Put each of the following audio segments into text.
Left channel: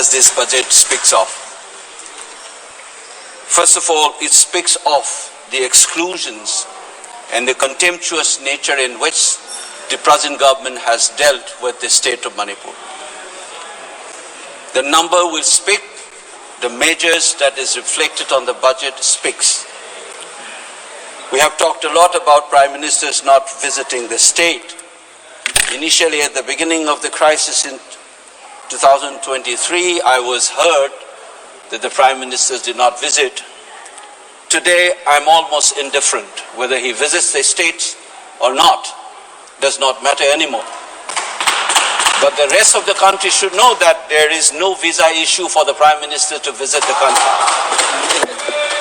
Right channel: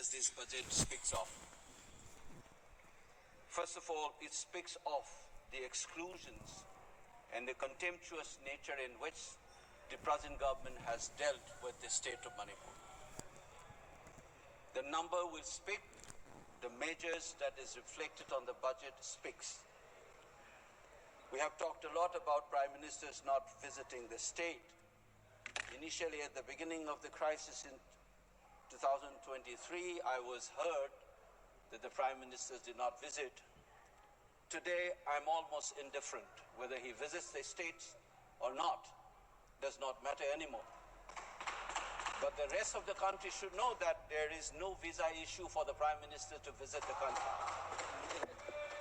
does this budget speak of? First of all, it speaks of the exclusions and the contemptuous nature in which the present government has dealt with the state of Manipur. The number will speak, the measures that is reflected on the budget speaks. We have talked a lot about Prime Ministers not visiting the state. Initially, at the beginning of the crisis in 2023, I was heard that the Prime Ministers did not visit. Today, I'm almost indifferent. Whether he visits the states or not does not matter anymore. But the rest of the country should know that there is no visa issue for the Prime Minister to visit the country.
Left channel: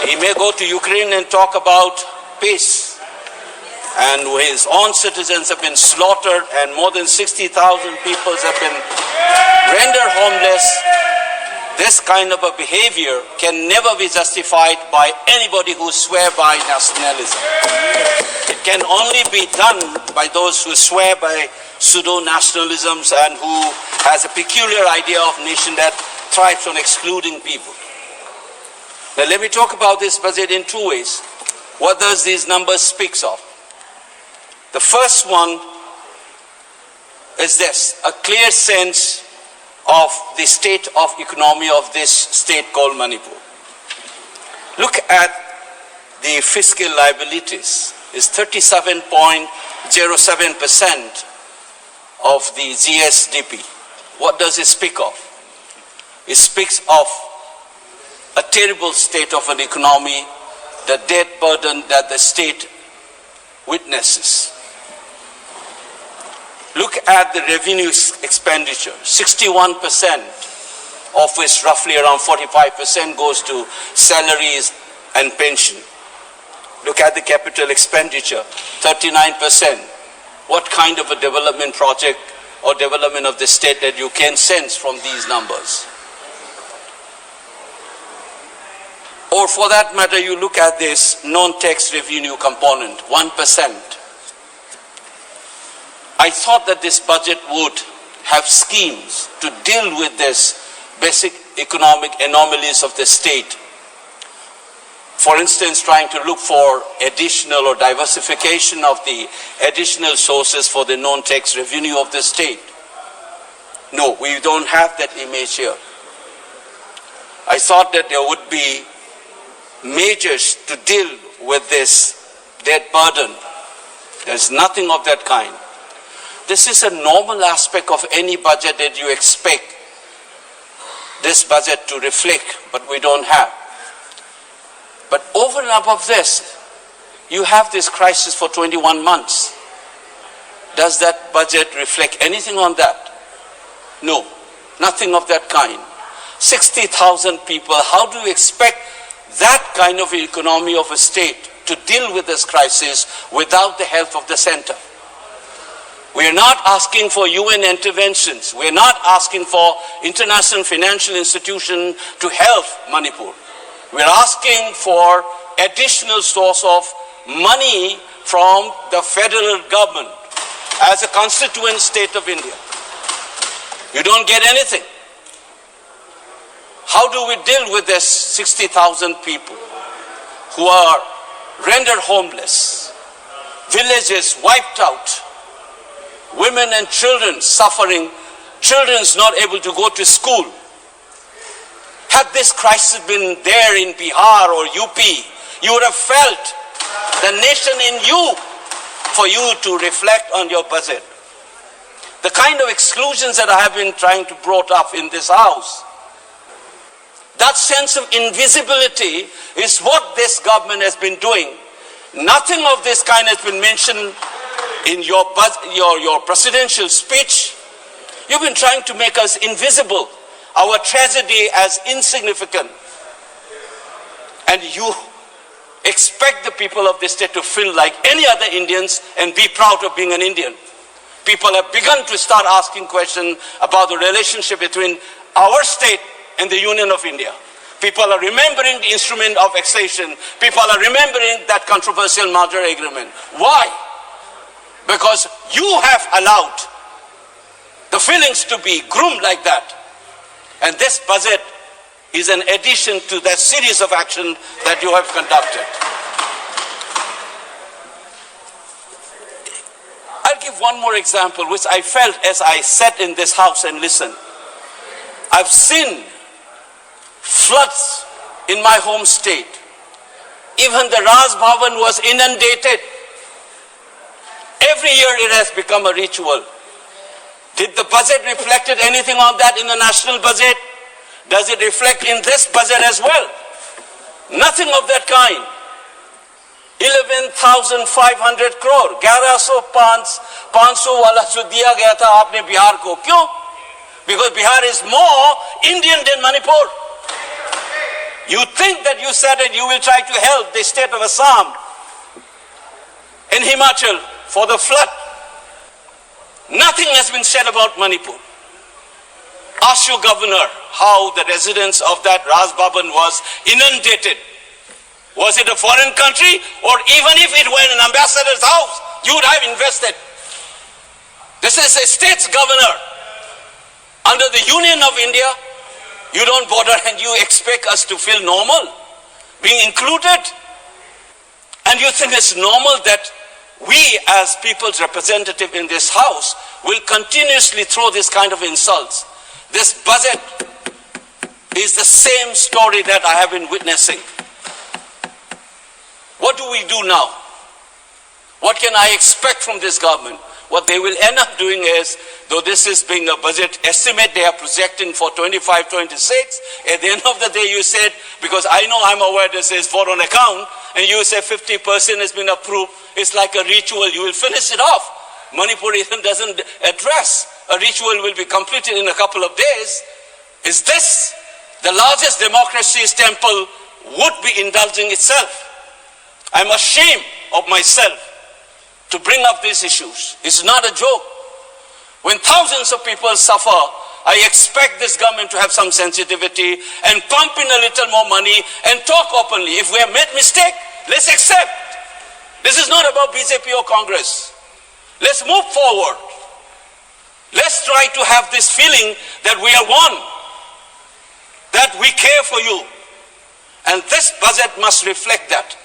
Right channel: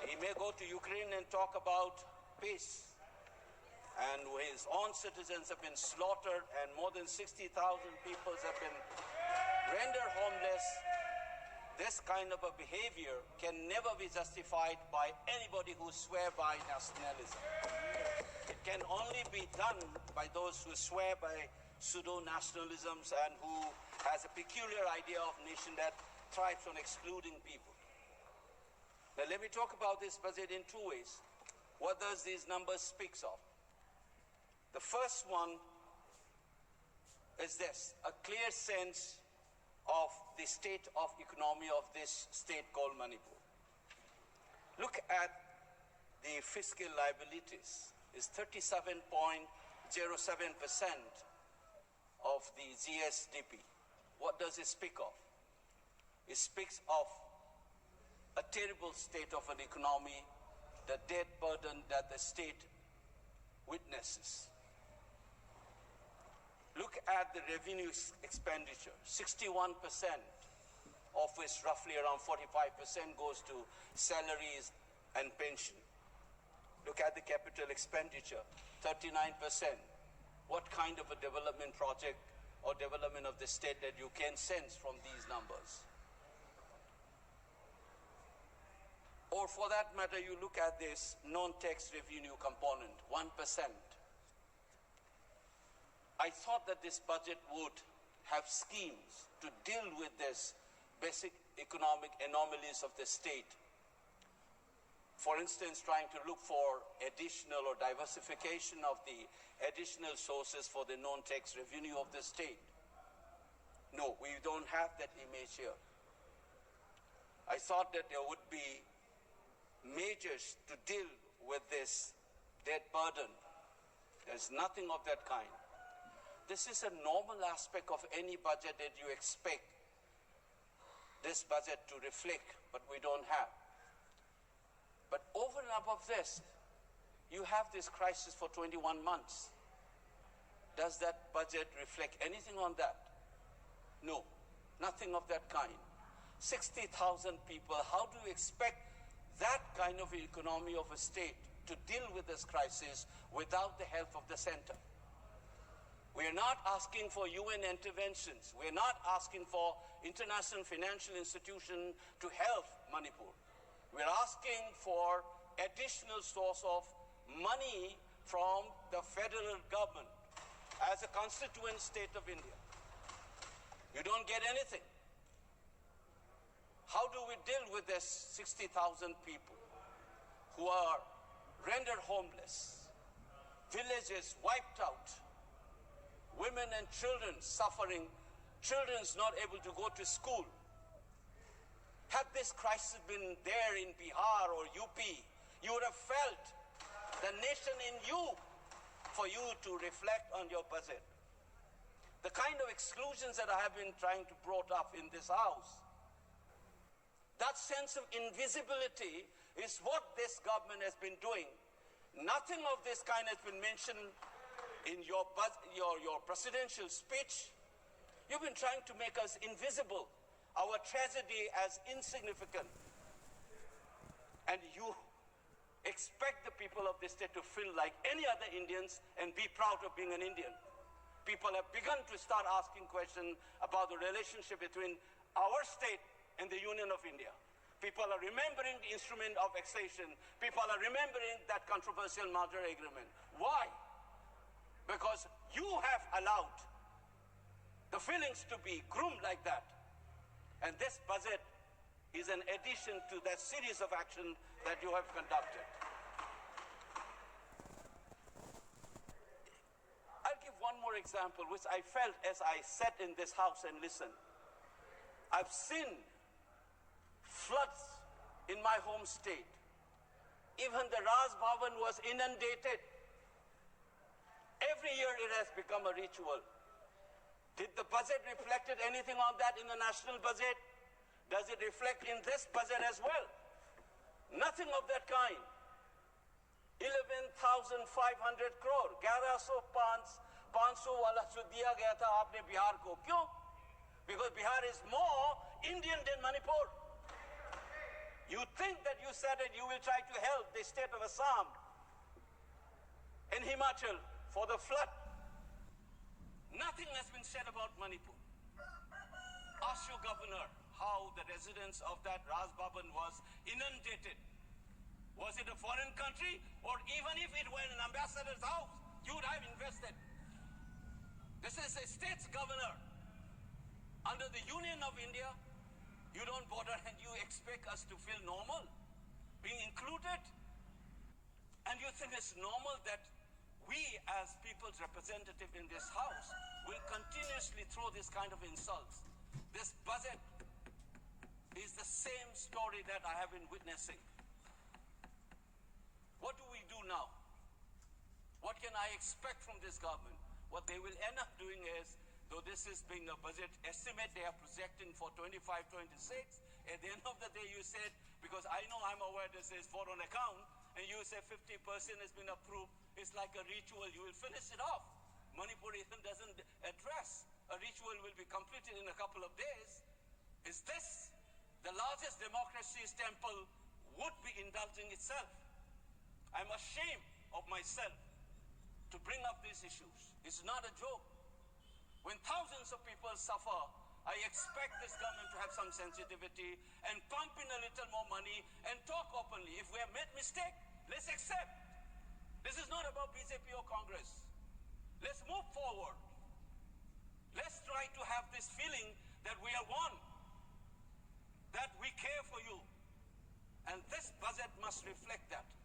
He may go to Ukraine and talk about peace, and his own citizens have been slaughtered and more than 60,000 people have been rendered homeless. This kind of a behavior can never be justified by anybody who swear by nationalism. It can only be done by those who swear by pseudo-nationalisms and who has a peculiar idea of nation that thrives on excluding people. Now let me talk about this budget in two ways. What does these numbers speak of? The first one is this, a clear sense of the state of economy of this state called Manipur. Look at the fiscal liabilities. It's 37.07% of the GSDP. What does it speak of? It speaks of a terrible state of an economy, the debt burden that the state witnesses. Look at the revenue expenditure, 61%, of which roughly around 45% goes to salaries and pension. Look at the capital expenditure, 39%. What kind of a development project or development of the state that you can sense from these numbers? Or for that matter, you look at this non-tax revenue component, 1%. I thought that this budget would have schemes to deal with this basic economic anomalies of the state. For instance, trying to look for additional or diversification of the additional sources for the non-tax revenue of the state. No, we don't have that image here. I thought that there would be measures to deal with this debt burden. There's nothing of that kind. This is a normal aspect of any budget that you expect this budget to reflect, but we don't have. But over and above this, you have this crisis for 21 months. Does that budget reflect anything on that? No, nothing of that kind. 60,000 people, how do you expect that kind of economy of a state to deal with this crisis without the help of the center? We are not asking for UN interventions. We are not asking for international financial institutions to help Manipur. We are asking for additional source of money from the federal government as a constituent state of India. You don't get anything. How do we deal with this 60,000 people who are rendered homeless, villages wiped out, women and children suffering, children not able to go to school? Had this crisis been there in Bihar or UP, you would have felt the nation in you for you to reflect on your budget. The kind of exclusions that I have been trying to brought up in this house, that sense of invisibility is what this government has been doing. Nothing of this kind has been mentioned in your presidential speech. You've been trying to make us invisible, our tragedy as insignificant. And you expect the people of this state to feel like any other Indians and be proud of being an Indian. People have begun to start asking questions about the relationship between our state and the Union of India. People are remembering the instrument of accession. People are remembering that controversial merger agreement. Why? Because you have allowed the feelings to be groomed like that. And this budget is an addition to that series of action that you have conducted. I'll give one more example, which I felt as I sat in this house and listened. I've seen floods in my home state. Even the Raj Bhavan was inundated. Every year it has become a ritual. Did the budget reflect anything on that in the national budget? Does it reflect in this budget as well? Nothing of that kind. 11,500 crore, 11,500 वाला जो दिया गया था आपने बिहार को, क्यों? Because Bihar is more Indian than Manipur. You think that you said that you will try to help the state of Assam and Himachal for the flood. Nothing has been said about Manipur. Ask your governor how the residents of that Raj Bhavan was inundated. Was it a foreign country, or even if it were an ambassador's house, you would have invested? This is a state's governor. Under the Union of India, you don't bother and you expect us to feel normal, being included. And you think it's normal that we as people's representative in this house will continuously throw this kind of insults. This budget is the same story that I have been witnessing. What do we do now? What can I expect from this government? What they will end up doing is, though this is being a budget estimate they are projecting for 25-26, at the end of the day you said, because I know I'm aware this is for on account, and you say 50% has been approved, it's like a ritual, you will finish it off. Manipur even doesn't address. A ritual will be completed in a couple of days. Is this the largest democracy's temple would be indulging itself? I'm ashamed of myself to bring up these issues. It's not a joke. When thousands of people suffer, I expect this government to have some sensitivity and pump in a little more money and talk openly. If we have made mistake, let's accept. This is not about BJP or Congress. Let's move forward. Let's try to have this feeling that we are one, that we care for you. And this budget must reflect that.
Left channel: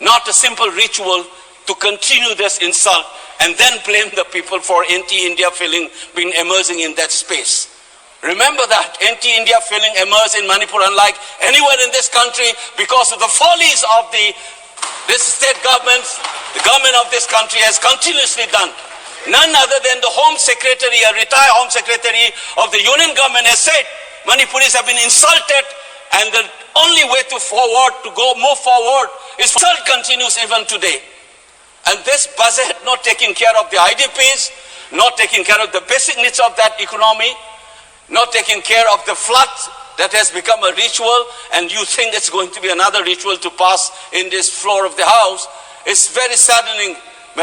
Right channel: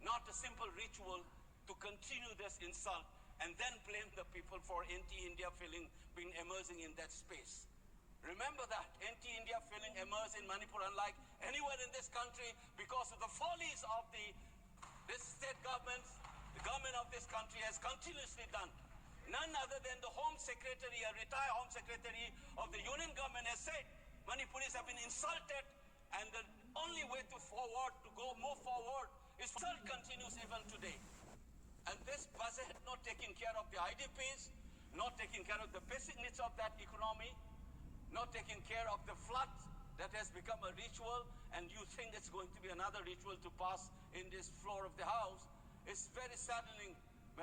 Not a simple ritual to continue this insult and then blame the people for anti-India feeling being emerging in that space. Remember that anti-India feeling emerged in Manipur unlike anywhere in this country because of the follies of this state government. The government of this country has continuously done. None other than the Home Secretary, a retired Home Secretary of the Union government has said Manipuris have been insulted, and the only way to move forward is insult continues even today. And this budget not taking care of the IDPs, not taking care of the basic needs of that economy, not taking care of the flood that has become a ritual, and you think it's going to be another ritual to pass in this floor of the house, it's very saddening